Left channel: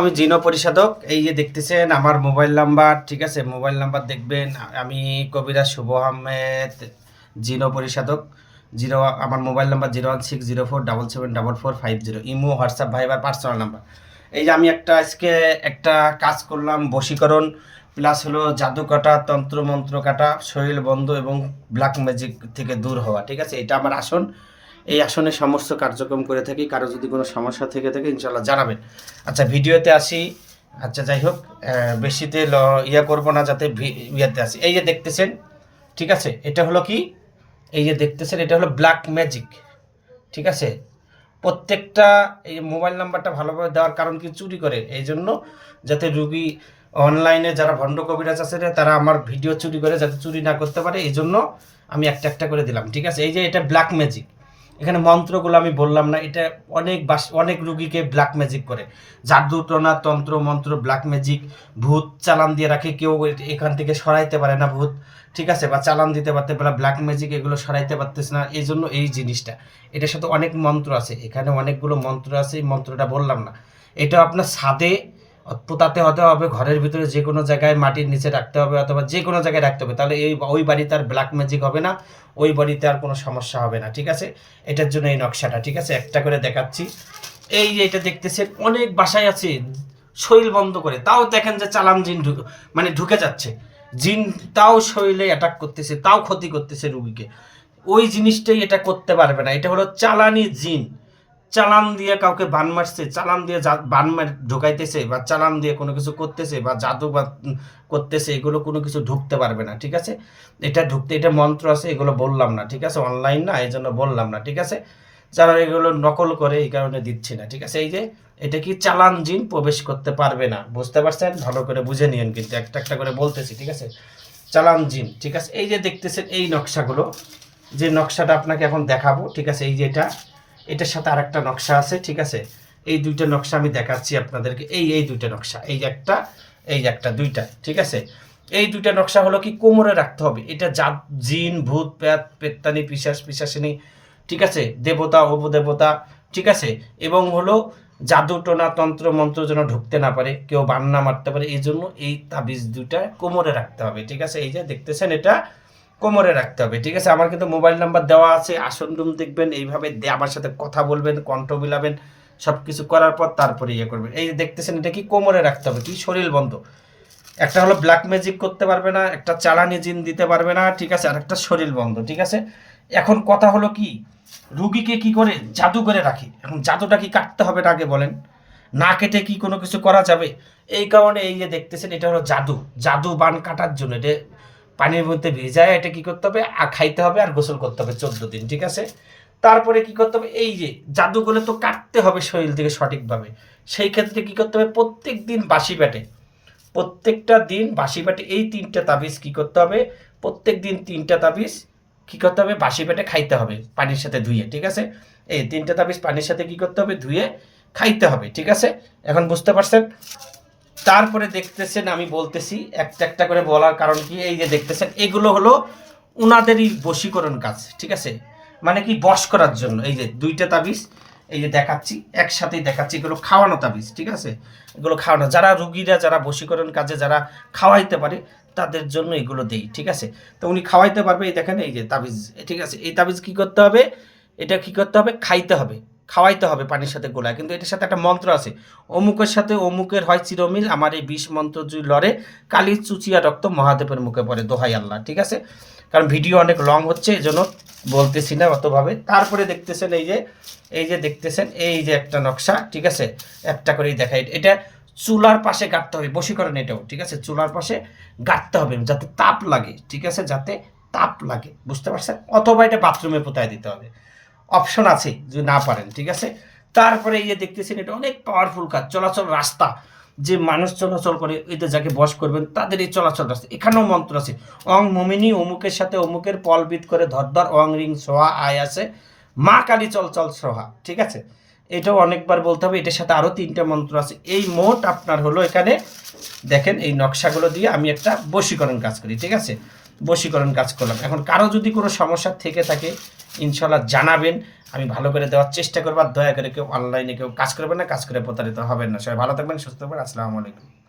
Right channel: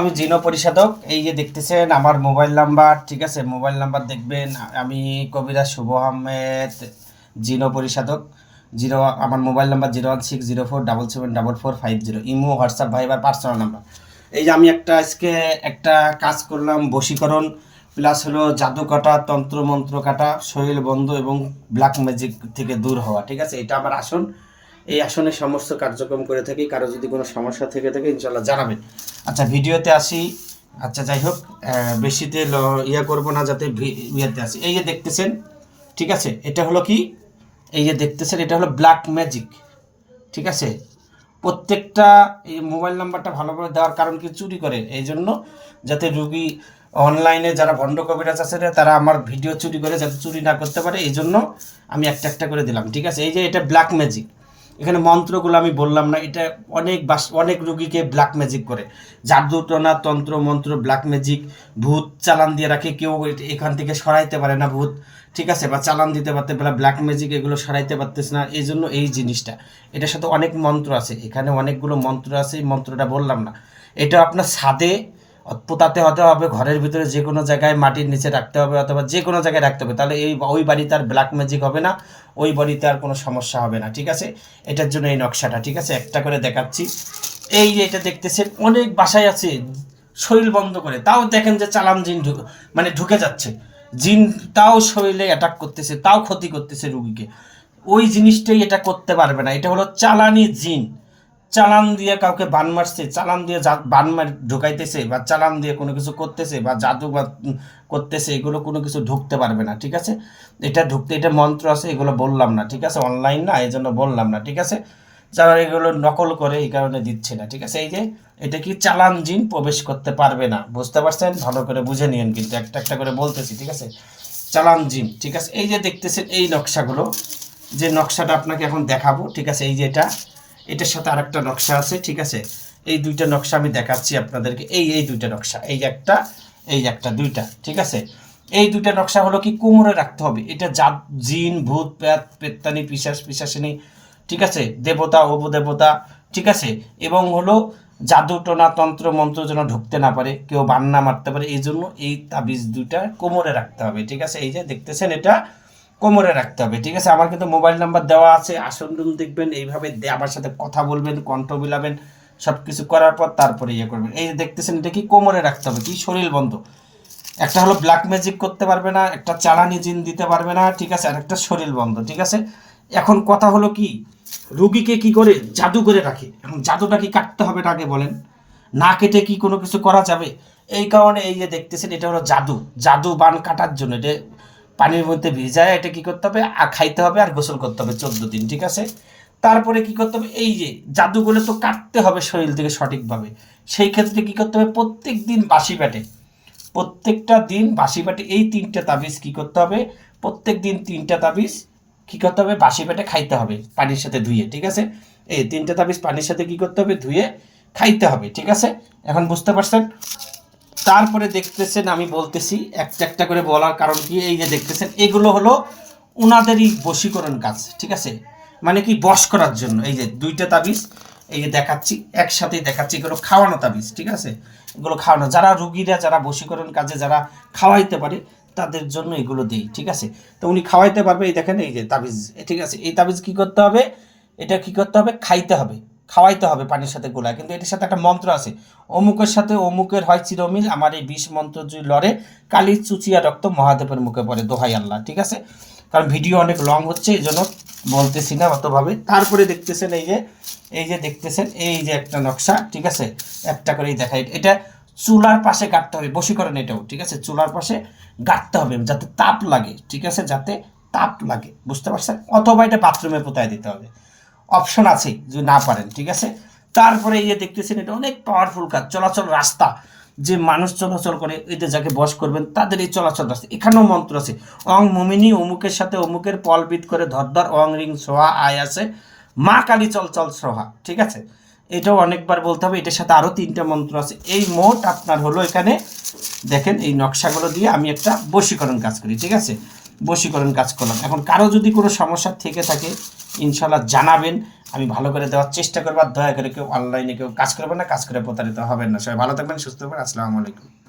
আমি জিনো পরিষদক, এই যে দেখতেছেন আমার মোবাইল নাম্বার, ঠিক আছে? মোবাইল নাম্বার দেখবেন, আমি কবিরা শুভ আহমেদ, জিনো পরিষদক। জিরো, আমার mobile number zero one six zero four double seven double four five zero, imo, WhatsApp, Viber personal number. এই যে আমি একটা আজকে একটা কাজ করলাম, বশীকরণ, প্লাস হলো জাদু কাটা তন্ত্র মন্ত্র কাটা, শরীর বন্ধ এবং ব্ল্যাক ম্যাজিক থেকে দূর হওয়া, ঠিক আছে? এটা আমার আসন। এই আসনে সমস্ত কার্যক্রম করে থাকি, কারও যদি কোনো সমস্যা থেকে থাকে ইনশাল্লাহ জানাবেন। আচ্ছা ভিডিওতে আসি। আচ্ছা যাই হোক বেশিতে ইয়া করব না যাতে ইয়াতে আসি। এই যে দেখতেছেন, ঠিক আছে? এটা হলো কি? এই যে দেখতেছেন, এটা হলো ব্ল্যাক ম্যাজিক ঠিক আছে? প্রত্যেকটা এই মোবাইল নাম্বারটা ভালোভাবে দেওয়ার কারণ কি? চুরি করে। এই জন্য যাতে রুগী অনলাইনে যারা ভণ্ড কবিরাজ আছে তারা আমার ভিডিও চুরি করে যাতে চুরি না করতে পারে, এই জন্য আমি একটা একটা করে দিলাম, ঠিক আছে? এই যে এটা ব্ল্যাক ম্যাজিক এখানে মন্ত্রগুলো আমি বললাম না, এটা অনেক বাস, অনেক রুগীকে ব্ল্যাক ম্যাজিক করে। জাদু টনা তন্ত্র, মন্ত্র ব্ল্যাক ম্যাজিক ভূত চালান দিয়ে রাখে, কেউ এখান থেকে সরাইতে পারে না ভূত, ঠিক আছে? বা চালান দিতে পারতে পারে ব্ল্যাক ম্যাজিক এগুলো সরাইতে পারতেছে না, এই জন্য এই জিনিসটা। এটার সাথে অনেক মন্ত্র আছে, এখানে অনেকগুলো মন্ত্র আছে, এই মন্ত্রটা বললাম না। এটা আপনার ছাদে পোতাতে হতে হবে, ঘরের ভিতরে যে কোনো জায়গায় মাটির নিচে রাখতে হবে অথবা যে কোনো জায়গায় রাখতে হবে, তাহলে এই, ওই বাড়িতে আর ব্ল্যাক ম্যাজিক হবে না, ওই বাড়িতে আর কোনো সমস্যা হবে না, ঠিক আছে? এটার জন্য এই নকশাটা, ঠিক আছে? একটা করে দেখাচ্ছি। এই যে এটা দেখতেছেন, অনেক বাসায় আছে, শরীর বন্ধ করে, তাও দেখেন যে চালান জিন মানে ঢুকে যাচ্ছে। জিন তাও শরীরে অ্যাটাক করতেছে, তাও ক্ষতি করতেছে রুগীকে। ওই জিনিসটাই এটা করতে পারবে না, এটা হলো চালানি জিন। চালান দিয়ে কাউকে বান মারছে, চালান দিয়ে বান মার ঢুকাইতেছে বা চালান দিয়ে কোনো কিছু করতেছে বা জাদু বা করতেছে, এগুলো কোনো কিছু ঢুকতে পারবে না, ঠিক আছে? এটা ঢুকতে, এটা মন্ত্র আছে, এগুলো বললাম না, ঠিক আছে? অনলাইন না এই জন্য বললাম না, ঠিক আছে? যারা এগুলো নকল করে, এই কারণে দিচ্ছে না, ঠিক আছে? এই যে, এটা কি চালান জিন প্রবেশ করতে পারবে না, বুঝতে পারছেন? ভালো করে বুঝে নিন কিন্তু, একটা একটা করে বলতেছি, ঠিক আছে? চালান জিন, ঠিক আছে? এই যে দেখতেছেন, এই নকশাগুলো, যে নকশাটা আপনাকে এখন দেখাবো, ঠিক আছে? এই যে এটা এটার সাথে আরেকটা নকশা আছে, ঠিক আছে? এই দুইটা নকশা আমি দেখাচ্ছি আপনাদেরকে। এই এই দুইটা নকশা, এই একটা এই একটা, দুইটা, ঠিক আছে? এই দুইটা নকশা হলো কি কোমরে রাখতে হবে। এটা জাত, জিন, ভূত, প্যাত, পেত্তানি, পিশাস, পিশাসিনী, ঠিক আছে? দেবতা অবদেবতা ঠিক আছে? এবং হলো জাদু, টোনা, তন্ত্র, মন্ত্র যেন ঢুকতে না পারে, কেউ বান্না মারতে পারে, এই জন্য এই তাবিজ দুইটা কোমরে রাখতে হবে, ঠিক আছে? এই যে দেখতেছেন এটা কোমরে রাখতে হবে, ঠিক আছে? আমার কিন্তু মোবাইল নাম্বার দেওয়া আছে, আসন রুম দেখবেন, এইভাবে আমার সাথে কথা বলবেন, কণ্ঠ মিলাবেন সব কিছু করার পর তারপরে ইয়ে করবেন। এই দেখতেছেন, এটা কি কোমরে রাখতে হবে? কি শরীর বন্ধ? একটা হলো ব্ল্যাক ম্যাজিক করতে পারবে না, একটা চালানি জিন দিতে পারবে না, ঠিক আছে? আর একটা শরীর বন্ধ, ঠিক আছে? এখন কথা হলো কি, রুগীকে কি করে জাদু করে রাখে? এখন জাদুটা কি কাটতে হবে আগে বলেন? না কেটে কি কোনো কিছু করা যাবে? এই কারণে এই যে দেখতেছেন, এটা হলো জাদু। জাদু বান কাটার জন্য, এটা পানির মধ্যে ভিজায় এটা কি করতে হবে? আর খাইতে হবে আর গোসল করতে হবে চোদ্দ দিন, ঠিক আছে? তারপরে কি করতে হবে? এই যে জাদুগুলো তো কাটতে হবে শরীর থেকে সঠিকভাবে। সেই ক্ষেত্রে কি করতে হবে? প্রত্যেক দিন বাসি পেটে, প্রত্যেকটা দিন বাসি পেটে এই তিনটা তাবিজ কি করতে হবে? প্রত্যেক দিন তিনটা তাবিজ কি করতে হবে? বাসি পেটে খাইতে হবে, পানির সাথে ধুয়ে, ঠিক আছে? এই তিনটা তাবিজ পানির সাথে কি করতে হবে? ধুয়ে খাইতে হবে, ঠিক আছে? এখন বুঝতে পারছেন? তারপরে দেখতেছেন, আমি বলতেছি, একটা একটা করে বলার কারণ কি, এই যে দেখতেছেন, এগুলো হলো ওনাদেরই বশীকরণ কাজ, ঠিক আছে? মানে কি, বশ করার জন্য। এই যে দুইটা তাবিজ, এই যে দেখাচ্ছি একসাথেই দেখাচ্ছি, এগুলো খাওয়ানো তাবিজ, ঠিক আছে? এগুলো খাওয়ানো, যারা রুগীরা, যারা বশীকরণ কাজে, যারা খাওয়াইতে পারে, তাদের জন্য এগুলো দেই, ঠিক আছে? তো উনি খাওয়াইতে পারবে, এই দেখেন, এই যে তাবিজ, ঠিক আছে? এই তাবিজ কি করতে হবে? এটা কি করতে হবে? খাইতে হবে। খাওয়াইতে হবে পানির সাথে গোলায় কিন্তু এটার সাথে একটা মন্ত্র আছে। অমুকের সাথে অমুকের হয় চিরমিল, আমার এই বিষ মন্ত্র যদি লড়ে কালি চুচিয়া রক্ত মহাদেবের মুখে পড়ে। দোহাই আল্লাহ, ঠিক আছে? কারণ ভিডিও অনেক লং হচ্ছে এই জন্য বলতেছি না অতভাবে। তারপরে দেখতেছেন এই যে এই যে দেখতেছেন, এই যে একটা নকশা, ঠিক আছে? একটা করেই দেখাই। এটা চুলার পাশে গাঁটতে হবে, বশীকরণ এটাও, ঠিক আছে? চুলার পাশে গাঁটতে হবে, যাতে তাপ লাগে, ঠিক আছে? যাতে তাপ লাগে, বুঝতে পারছেন? অথবা এটা বাথরুমে পোতায় দিতে হবে। অপশন আছে, যদি না পারেন, ঠিক আছে? তারপরে এই যে দেখতেছেন, এটা অনেক পাওয়ারফুল কাজ, চলাচল রাস্তা, যে মানুষ চলাচল করে এতে যাকে বস করবেন, তাদের এই চলাচল রাস্তা, এখানেও মন্ত্র আছে, অং মমিনী অমুকের সাথে অমুকের পলবিদ করে ধরধর অং রিং সোহা আয় আছে, মা কালী চল চল সোহা, ঠিক আছে? এটাও অনেকবার বলতে হবে, এটার সাথে আরও তিনটা মন্ত্র আছে, এই মোট আপনার হলো এখানে, দেখেন এই নকশাগুলো দিয়ে আমি একটা বশীকরণ কাজ করি, ঠিক আছে? বশীকরণ কাজ করলাম, এখন কারও যদি কোনো সমস্যা থেকে থাকে ইনশাল্লাহ জানাবেন। আমি ভালো করে দেওয়ার চেষ্টা করব। আর দয়া করে কেউ অনলাইনে কেউ কাজ করবেন না, কাজ করে প্রতারিত হবেন না। সবাই ভালো থাকবেন, সুস্থ থাকবেন। আসসালামু আলাইকুম।